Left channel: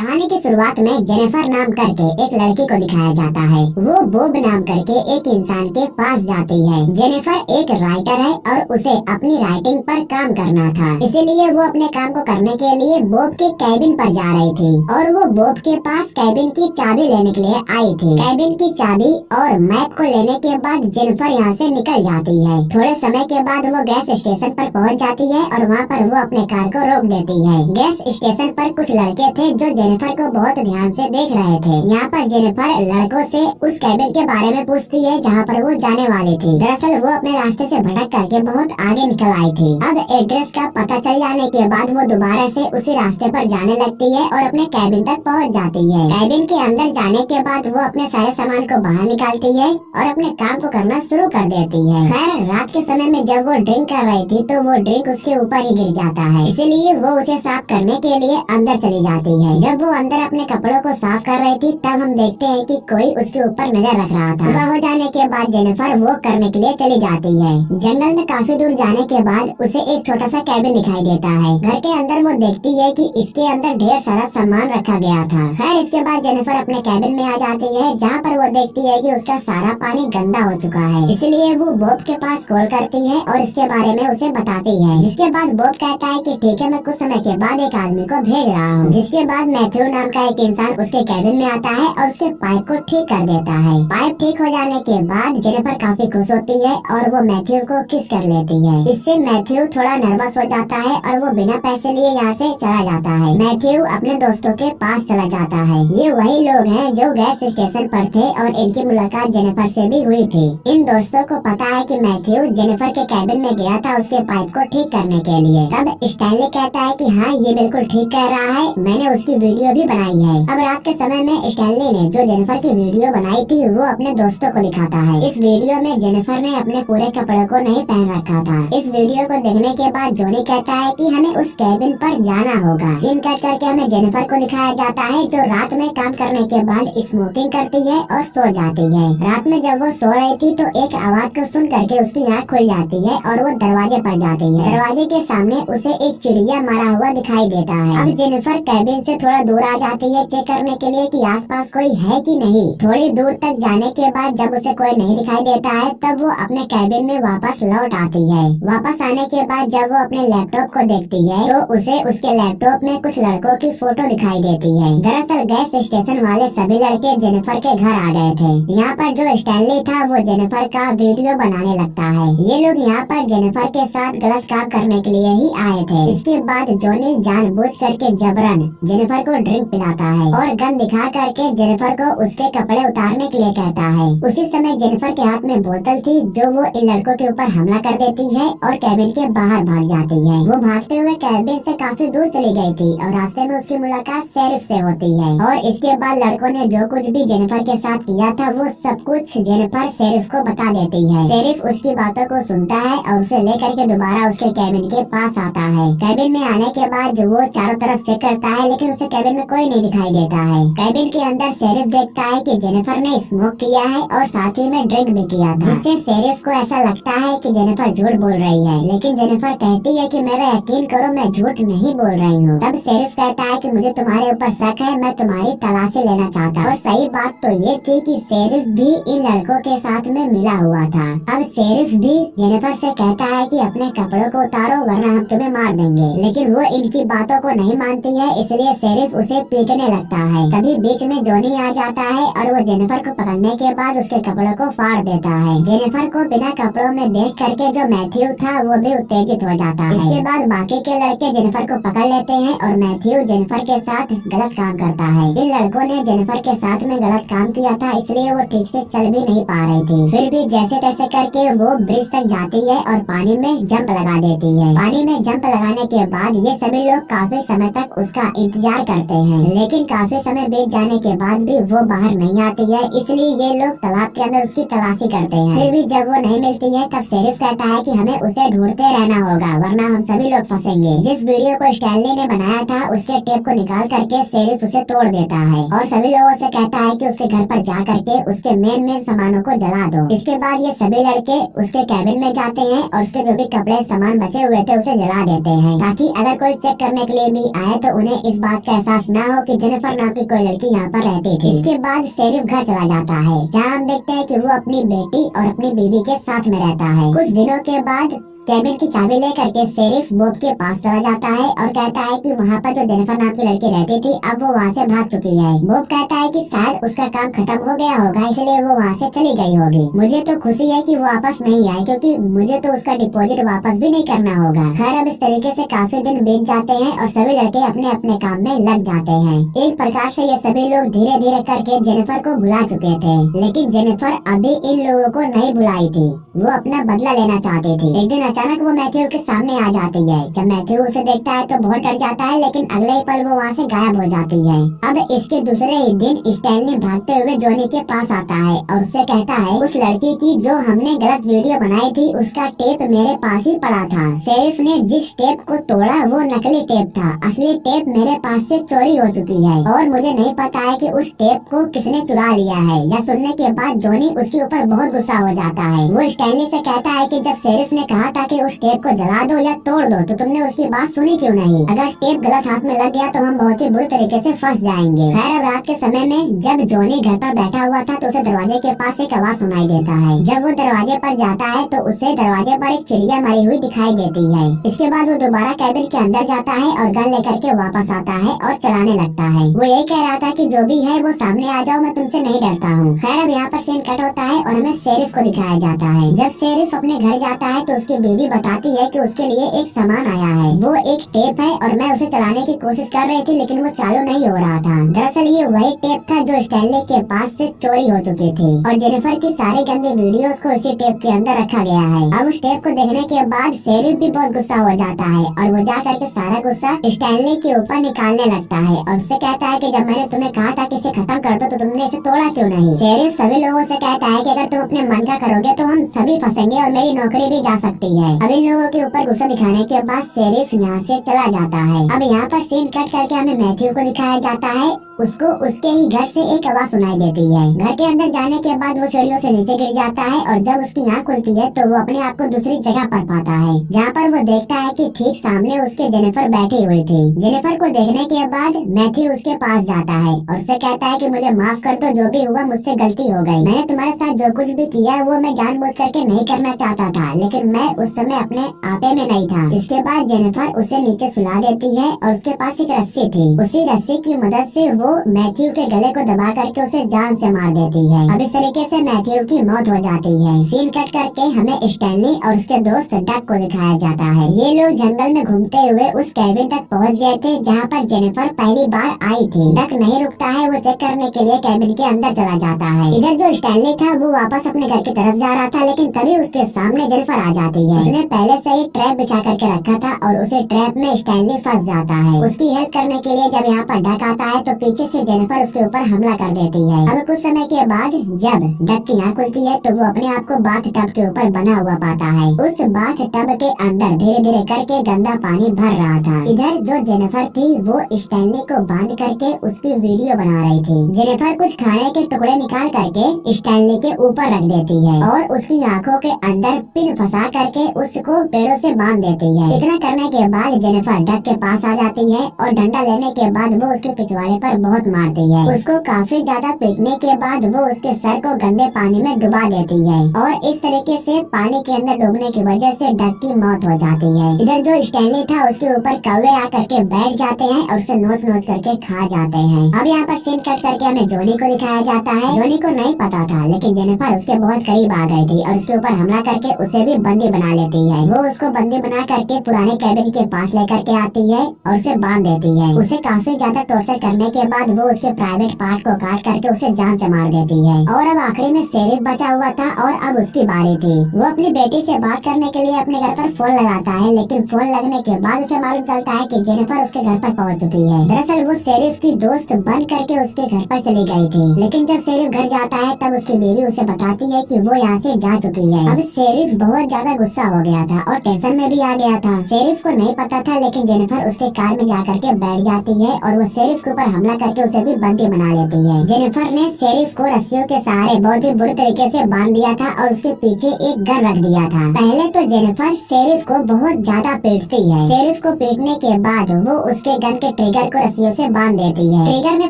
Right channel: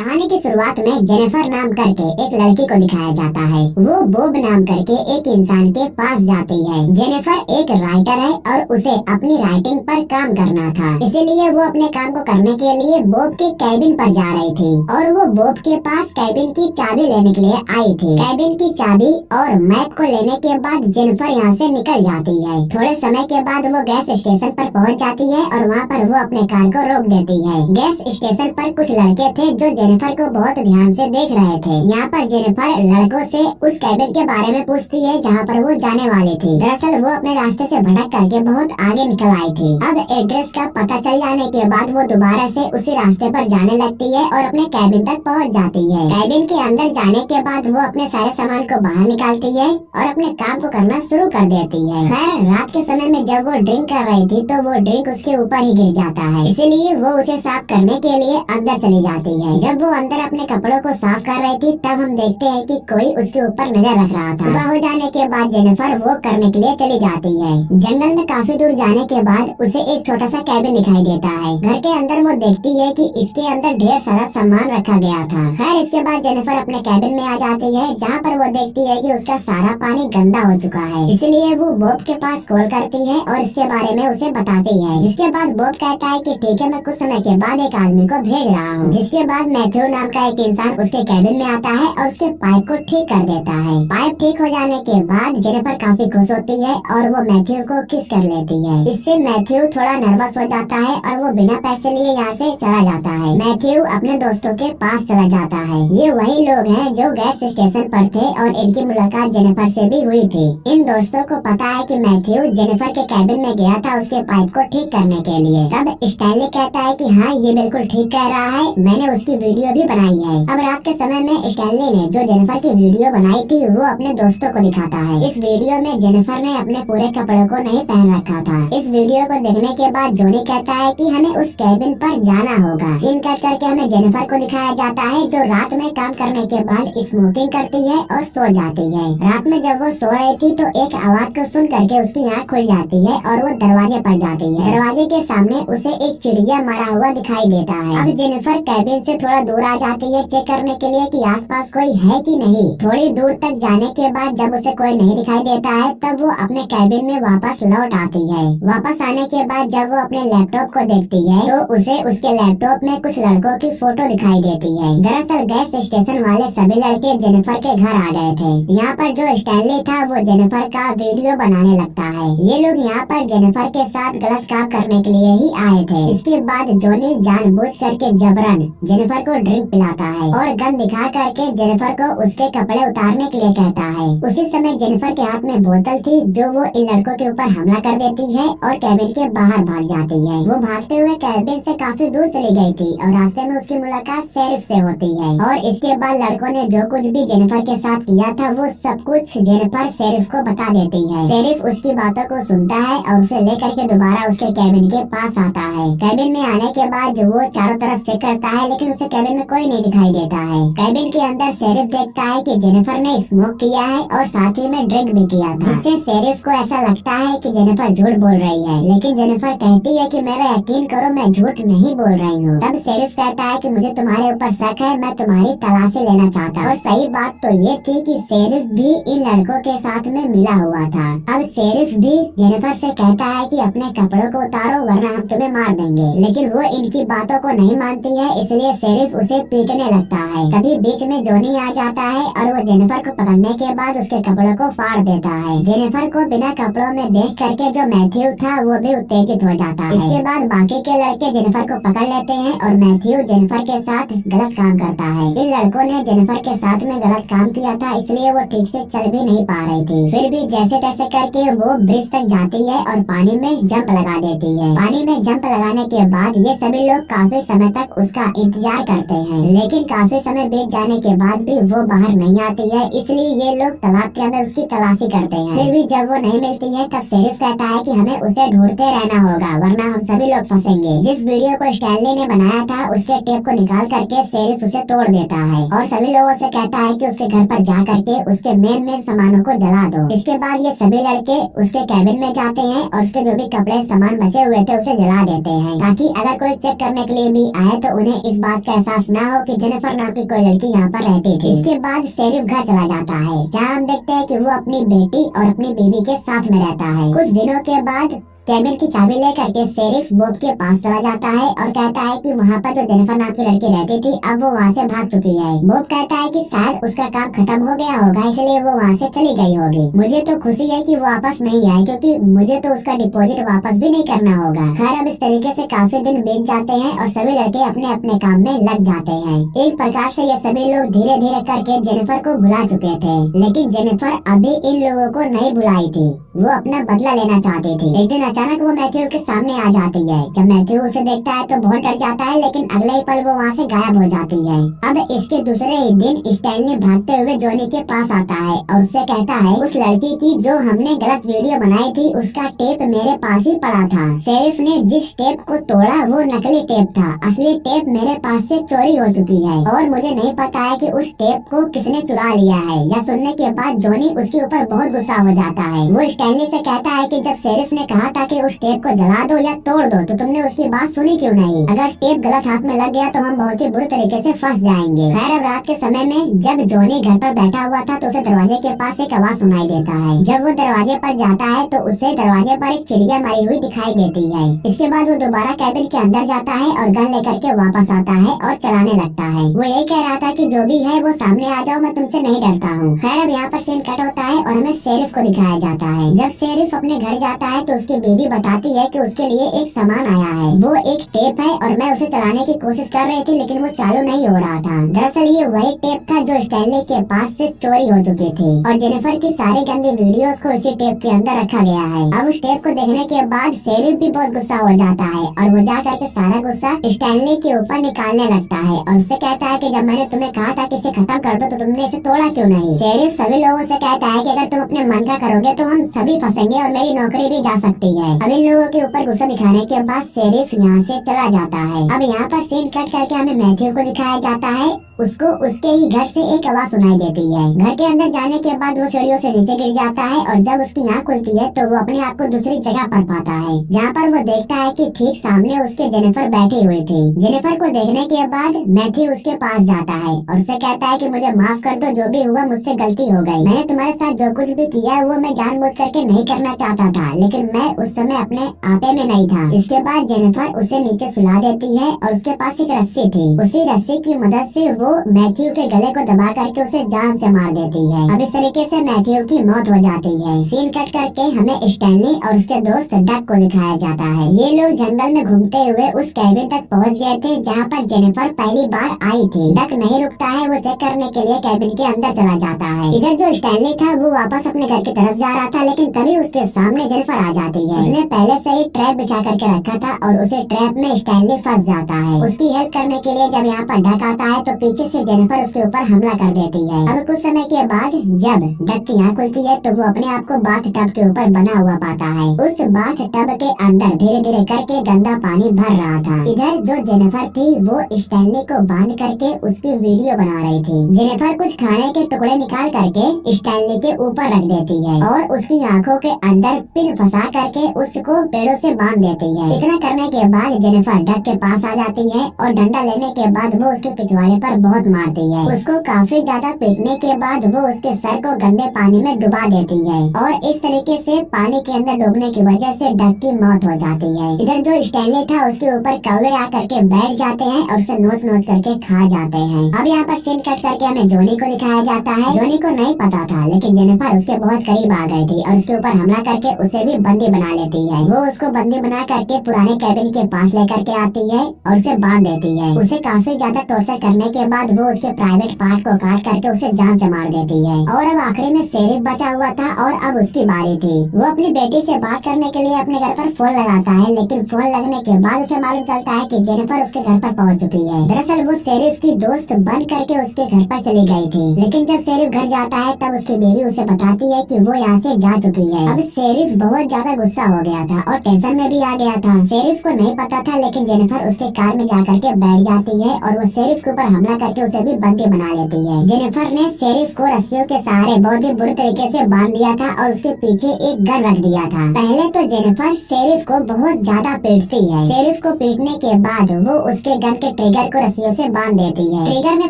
कहानी की शुरुआत में जेनिफर नाम करके एक लड़की को दिखाया जाता है। वो बॉब नाम करके एक इंसान के पास जाती है। जेनिफर एक राइटर है और उसे अपनी राइटिंग पर काम करना था, इसीलिए वो अपने काम को करने के लिए बॉब के कैबिन पर जा रही थी और वो बॉब के पास कैबिन की चाबी लेने के लिए आई थी। कैबिन की चाबी और मैप को लेने के बाद जेनिफर यहाँ से निकल जाती है। थोड़े समय के बाद वो गैस स्टेशन पर पहुँच जाती है और वहाँ पर वो अपने कार को रोक देती है। गैस स्टेशन पर कुछ लड़के थे जो जेनिफर को बहुत ध्यान से देख रहे थे। यहाँ पर जेनिफर लड़कों से उस कैबिन के बारे में पूछती है जहाँ पर वो जाने वाली थी। दरअसल वो अपने रास्ते से भटक करके बहुत आगे निकल आई थी। अब एड्रेस का पता चल जाने के बाद वो दोबारा से उसी रास्ते पर जाने लगती है और अपने कैबिन तक पहुँच जाती है। कैबिन के अंदर जाने के बाद वो अपने सारे सामान को बाहर निकालती है और अपने काम को करना शुरू कर देती है। खैर रात के समय में जब वो ड्रिंक कर रही थी तो वो ड्रिंक उसके ऊपर ही गिर जाता है, इसीलिए वो उसे साफ करने के लिए अंदर चली जाती है। जब वो अंदर अपने कपड़ों को साफ कर रही थी तब हम देखते हैं कि कोई उसके ऊपर नजर रख रहा था। सुबह हो जाने के बाद जेनिफर वो करने के लिए चली जाती है। जंगल में काफी दूर जाने के बाद उसे एक छोटा सा कैबिन दिखाई देता है। घर के अंदर वो देखती है कि इसके अंदर ढेर सारा सामान रखा गया था। खैर इसके बाद जेनिफर अपने कैबिन में आ जाती है जहाँ पर वो देखती है कि उसका सारा पानी गंदा हो चुका है, इसलिए वो बॉब के पास कॉल करती है और इसके बारे में उसे बताती है। जिसके बाद बॉब कहता है कि ठीक है, मैं कुछ समय के बाद एक आदमी को भेज रहा हूँ। जिसके बाद मैथ्यू नाम का एक इंसान उसके कैबिन में आता है और उसके पाइप को ठीक कर देता है। पाइप ठीक हो जाने के बाद जेनिफर काफी खुश होती है और वो मैथ्यू को किस कर लेती है। इससे मैथ्यू थोड़ा नर्वस हो जाता है और वो बिना पैसे लिए यहाँ से चला जाता है। मैथ्यू अपने दोस्तों के पास चला जाता है। ये वही लोग हैं जो गैस स्टेशन पर थे और इनकी मुलाकात जेनिफर से भी हुई थी। इन दोस्तों को पता है कि मैथ्यू जेनिफर के कैबिन में गया था उसके पाइप को ठीक करने के लिए। तब स्टैनली कहता है कि हाँ ये बिल्कुल ठीक कह रहा है, मैंने उसकी वीडियो भी बनाई है। अब रात के समय में स्टैनली ने जो जेनिफर की वीडियो बनाई थी वो अपने दोस्तों को दिखाता है। इस वीडियो में जेनिफर ने अपने पूरे कपड़ों को नहीं पहन रखा था। इस वीडियो को देखने के बाद जोनी कहता है कि हमें उस कैबिन पर जाना होगा। सीन कट करके हमें जेनिफर को दिखाया जाता है जो रात में काम करने के बाद स्मोकिंग करती है और सो जाती है। रात में जब वो सो रही थी तो एक आवाज को सुन करके उसकी आँख खुल जाती है और वो दरवाजे पर जाती है। दरवाजे के सामने उसे एक चिड़िया मरा हुआ दिखाई देता है। अब जेनिफर कैबिन से थोड़ा दूर आ जाती है चेक करने के लिए कि आसपास कोई है कि नहीं। थोड़ी दूर तक जाने के बाद जब उसे कोई नहीं दिखाई देता है तब वो अपने कैबिन में वापस लौट आती है। वापस आने के बाद जब वो अपने लैपटॉप को देखती है तो उसे उसके लैपटॉप में कुछ लड़कों की फोटो दिखाई देती है। दरअसल गैस स्टेशन वाले सभी लड़के जेनिफर के घर आ गए थे। यहाँ पर जो स्टैनली था वो जेनिफर का वीडियो बनाने लगता है। ये लोग यहाँ पर जेनिफर के साथ गलत काम करने के लिए ही आए थे। इसके बाद जोनी जानबूझ करके जबरन जेनिफर को ड्रिंक पिलाता है और गन दिखा करके जेनिफर को उसके कपड़े उतारने के लिए कहता है। उसी समय जेनिफर के हाथ में बोतल थी जो वो इन लड़कों के ऊपर हमला कर देती है और कैबिन के बाहर भाग जाती है। वो भागते हुए कैबिन से काफी दूर चली गई थी और रास्ते में उसकी मुलाकात शेरिफ से होती है और इसके बाद लड़कों ने जो कुछ भी जेनिफर के साथ किया था वो सब कुछ जेनिफर शेरिफ को बता देती है। शेरिफ उसकी बातों को सुनता है और उसे लेकर के दोबारा उसके कैबिन के पास आता है। कैबिन में आने के बाद वो चारों तरफ चेक करता है लेकिन उसे कैबिन में कोई नहीं दिखाई देता है। कैबिन के अंदर शेरिफ देखता है कि जेनिफर ने स्मोक किया है और साथ ही में ड्रिंक भी किया था, जिससे शेरिफ को ऐसा लगता है कि जेनिफर झूठ बोल रही है। लेकिन जेनिफर कहती है कि मेरा यकीन करो मैं झूठ नहीं बोल रही हूँ। तब शेरिफ कहता है कि मुझे तुम्हारे ऊपर शक है, मैं तुम्हारी तलाशी लेना चाहता। और सही बात तो ये थी कि शेरिफ भी इन लड़कों के साथ में मिला हुआ था। अब शेरिफ भी जेनिफर से कहता है कि अपने कपड़ों को उतारो वरना हम तुम्हें मार देंगे, लेकिन वो इनकी बातों को नहीं मानती है, इसलिए शेरिफ उसे पीटने लगता है। तभी बीच में जोनी आ जाता है और वो जेनिफर को पकड़ने के बाद उसके कपड़ों को फाड़ देता है। जेनिफर को बिना कपड़ों में देख करके जो मैथ्यू था वो भी उत्तेजित हो जाता है। इसके बाद बाकी के लड़के जेनिफर को पकड़ लेते हैं और मैथ्यू जेनिफर के साथ गलत काम करता है। इन लड़कों ने जेनिफर के साथ में गलत काम किया था, इसलिए वो ठीक से चल भी नहीं पा रही थी। फिर भी जैसे तैसे करके वो ब्रिज तक जाती है और पानी में जंप लगा देती है। पानी में जंप लगाने के बाद ये सभी लोग काफी समय तक उसका इंतजार करते हैं, लेकिन काफी समय बीत जाने के बाद भी वो बाहर नहीं आती है, इसलिए ये लोग तालाब के अंदर उसकी तलाशी करते हैं। फिर भी जब वो नहीं मिलती है तब शेरिफ कहता है कि हमें उसे ढूंढते रहना होगा वरना हम सभी लोग फंसेंगे। जिस वीडियो को स्टैनली ने बनाया था उसके टेप को निकाल करके शेरिफ उसे तोड़ देता है और सभी लोगों से कहता है कि उसके घर पर जा करके उसके मेन सामानों को जला दो। इसके बाद ये सभी लड़के उसके कैबिन में जाते हैं और उसके जो भी कपड़े सामान बचे हुए थे उसे जला देते हैं, ताकि अगर कोई चेक करने के लिए भी आए तो उन्हें इस बात का एहसास ना हो कि जेनिफर नाम की कोई लड़की यहाँ पर रहती थी। इसके बाद शेरिफ घर चला जाता है, जहाँ हम देखते हैं कि वो अपनी बेटी और अपनी बीवी के साथ में रहता है। कुछ दिनों के बाद कैबिन की चाबी लेकर के शेरिफ बॉब के पास चला जाता है और कहता है कि वहाँ पर जो जेनिफर नाम की लड़की रहती थी अब वो वहाँ से भाग चुकी है। बॉब कहता है कि शायद उसका काम खत्म हो गया होगा, इसलिए वो वहाँ से चली गई होगी। मुझे तो खुशी है कि वो वापस नहीं आए, क्योंकि मुझे तो उसका डिपॉजिट वापस भी नहीं करना होगा। खैर, अब इस तरीके से काफी दिन बीत जाते हैं और सभी लड़के अपने अपने काम में लग जाते हैं। एक प्रकार से ये सभी लोग धीरे धीरे करके जेनिफर को भुला चुके थे, लेकिन जेनिफर अभी इन लोगों को नहीं भुलाई थी। वो अपना बदला लेना चाहती थी। एक दिन अचानक वो मैथ्यू के सामने आ जाती है। जब मैथ्यू उसे देखता है तो बहुत डर जाता है, लेकिन अगले ही पल वो वहाँ से गायब हो जाती है। अब इसके दूसरे ही दिन स्टैनली भागते हुए जॉनी के पास आता है और उससे कहता है, उस लड़की की जो हमने गलत वीडियो बनाई थी उसका टेप मेरे पास ही पड़ा था। शेरिफ ने जिस टेप को तोड़ा वो नकली टेप था, असली टेप मेरे पास से चोरी हो चुकी है और मुझे नहीं पता है कि उस टेप को किसने चुरा लिया है। यह सुनने के बाद जॉनी उसके ऊपर बहुत गुस्सा हो जाता है। वो स्टैनली से कहता है कि जब शेरिफ ने कहा था कि उस टेप को जला दो या तोड़ दो तो तुमने उसकी बात सुनी क्यों नहीं? अगर टेप गलत हाथ में लग गया तो हम बहुत ही बुरे तरीके से फंस जाएंगे। खैर, अब रात के समय में जब जॉनी घर पर बैठा हुआ था तो उसे दरवाजे के पास एक आवाज सुनाई देता है। जब वो दरवाजे पर जाता है तो उसे दरवाजे पर एक चिड़िया मरी हुई दिखाई देती है। इसके बाद वो दोबारा कैबिन के अंदर जाता है और गन लेकर के वापस आता है और चलाने लगता है। वो यही कह रहा था कि जो भी है वो सामने आ जाओ, मैं तुमसे नहीं डरता हूँ। खैर, अब यहाँ पर सीन कट होता है और हमें शेरिफ को दिखाया जाता है। जब शेरिफ अपने घर जाता है तो उसकी बीवी बताती है कि उसके लिए एक सामान आया है। वो एक टेप है और मैं उसे चलाने की कोशिश कर रही थी, लेकिन वो चालू नहीं हो रहा था। दरअसल ये वही टेप था जो स्टैनली के पास से चोरी हो चुकी थी और जेनिफर की सारी गंदी वीडियोस को इसी टेप के अंदर रखा गया है। अब उस टेप को देखने के बाद शेरिफ भी बहुत गुस्सा हो जाता है और वो जा करके सारा गुस्सा स्टैनली के ऊपर निकालने लगता है और उससे कहता है कि जब मैंने तुम्हें कहा था कि इसे खत्म कर दो तो तुमने इसे तोड़ा क्यों नहीं? शेरिफ सभी लोगों से कहता है कि अगर तुम अपने मन का करोगे तो हम सभी फंसेंगे और मेरी नौकरी भी जा सकती है। अब इन लोगों के ऊपर गुस्सा दिखाने के बाद शेरिफ यहाँ से चला जाता है। अब यहाँ पर सीन कट करके हमें मैथ्यू को दिखाया जाता है। उसको उसके ही घर से एक आवाज सुनाई देती है। घर के अंदर जाने के बाद वो सीढ़ियों से नीचे गिर जाता है और जब उसकी आँख खुलती है तो वो अपने आप को दूसरी जगह पर पाता है, जहाँ पर वो देखता है कि ठीक सामने उसके जेनिफर बैठी हुई थी। जेनिफर को देखने के बाद मैथ्यू उसके पास जाता है और उसे कहता है कि मुझे माफ कर दो, जो भी हुआ मुझसे गलती हो गई। मैंने तुम्हारे साथ जो कुछ भी किया वो मैं जानबूझ करके नहीं करना चाहता था, लेकिन मैं उस समय अपने आपे में नहीं था। इसके बाद जेनिफर उसे नीचे सुला देती है और उसके पास एक रस्सी थी। उसी रस्सी की मदद से वो मैथ्यू के गले को दबा करके उसे जान से मार देती है। अब इस तरीके से मैथ्यू की मौत हो जाती है। सीन कट करके हमें स्टैनली और उसके दोस्त डक को दिखाया जाता है। ये लोग जंगल में घूमते हुए उस कैबिन तक पहुंच गए थे जहाँ पर जेनिफर पहली बार आई थी। डक नहीं रुकता है, वो चेक करने के लिए कैबिन के अंदर चला जाता है। इधर जो स्टैनली था वो वापस अपने घर की तरफ जा रहा था, लेकिन तभी उसके सामने जेनिफर आ जाती है। उसने पहले से ही ट्रैप बिछा करके रखा था और उसे ट्रैप में स्टैनली फंस जाता है। उसकी हेल्प करने के लिए जब यहाँ पर डक आता है तो पीछे से जेनिफर उसके ऊपर हमला कर देती है। अब कुछ समय के बाद जब डक की आँख खुलती है तो वो अपने आप को बाथ टब के ऊपर बना हुआ पाता है। उस बाथ टब के अंदर धीरे धीरे करके गंदा पानी भर रहा था। इधर जो जेनिफर थी वो स्टैनली को बांध करके उसकी वीडियो बना रही थी। जेनिफर कुछ खाने के टुकड़े निकाल करके स्टैनली के ऊपर रख देती है और उसकी आंखों के अंदर पिन फंसा करके उसको पेड़ों से बांध देती है। इतना करने के बाद जेनिफर डक के पास आ जाती है और डंडा लेने के बाद वो उसके पिछवाड़े पर बहुत मारती है। उसको काफी ज्यादा पीटने के बाद वो उसके सर को गंदे पानी में डुबा देती है और इस तरीके से पानी के अंदर डूबने की वजह से डक की मौत हो जाती है। इधर जो स्टैनली था उसके ऊपर कौवे आ करके बैठ जाते हैं और उसे नोच नोच करके खा जाते हैं। अब यहाँ पर सीन कट करके हमें जॉनी को दिखाया जाता है। जॉनी को नहीं पता था, लेकिन जेनिफर उसके बहुत करीब आ गई थी और उसके ऊपर हमला करके उसे भी बंदी बना लेती है। वो उसको बंदी बना करके पुराने कैबिन के पास लेकर के आती है और उसे बांध देती है। उसे काफी ज्यादा टॉर्चर करने के बाद वो उसके प्राइवेट पार्ट को काट करके उसे जान से मार देती है। और अब आखिरी में शेरिफ बचा हुआ था और अब उसकी बारी थी। वो अपनी बेटी से बात करने के लिए अपने घर पर फोन लगाता है, लेकिन फोन लगने के बाद उसे मालूम चलता है कि जेनिफर उसके घर पर पहुंच चुकी है। दरअसल वो शेरिफ की दोस्त बन करके उसके घर पर चली गई थी, लेकिन जब शेरिफ घर जाता है तब उसकी बीवी उसे बताती है कि वो यहाँ से जा चुकी है। अब शेरिफ बहुत ज्यादा गुस्सा गुस्सा हो गया था और टेंशन में भी आ गया था। शेरिफ को नहीं पता था, लेकिन जेनिफर उसके कार में जाकर के बैठ जाती है और वो शेरिफ के ऊपर हमला करके उसे भी बंदी बना लेती है। जेनिफर ने शेरिफ को रस्सियों के सहारे बहुत ही बुरे तरीके से बांध दिया था और उसके पीछे एक गन रख दिया था। पहले तो जेनिफर शेरिफ को बहुत ज्यादा पीटती है। शेरिफ को पीटने के बाद वो उसके गन के ट्रिगर को रस्सियों से बांध देती है। ट्रिगर में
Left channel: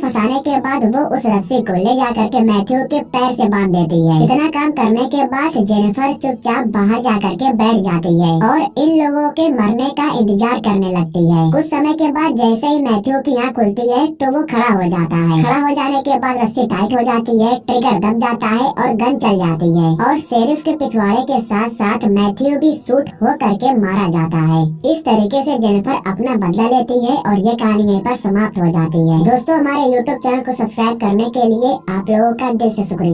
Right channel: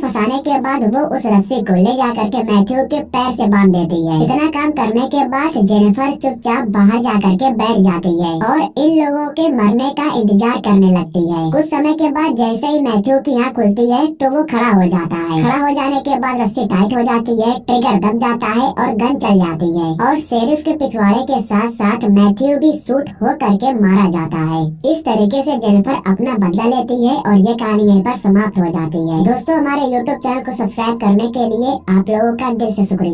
फंसाने के बाद वो उस रस्सी को ले जा करके मैथ्यू के पैर से बांध देती है। इतना काम करने के बाद जेनिफर चुपचाप बाहर जा करके बैठ जाती है और इन लोगों के मरने का इंतजार करने लगती है। कुछ समय के बाद जैसे ही मैथ्यू की आँख खुलती है तो वो खड़ा हो जाता है। खड़ा हो जाने के बाद रस्सी टाइट हो जाती है, ट्रिगर दब जाता है और गन चल जाती है और शेरिफ के पिछवाड़े के साथ साथ मैथ्यू भी शूट हो करके मारा जाता है। इस तरीके से जेनिफर अपना बदला लेती है और ये कहानी यहीं पर समाप्त हो जाती है। दोस्तों, हमारे YouTube चैनल को सब्सक्राइब करने के लिए आप लोगों का दिल से शुक्रिया।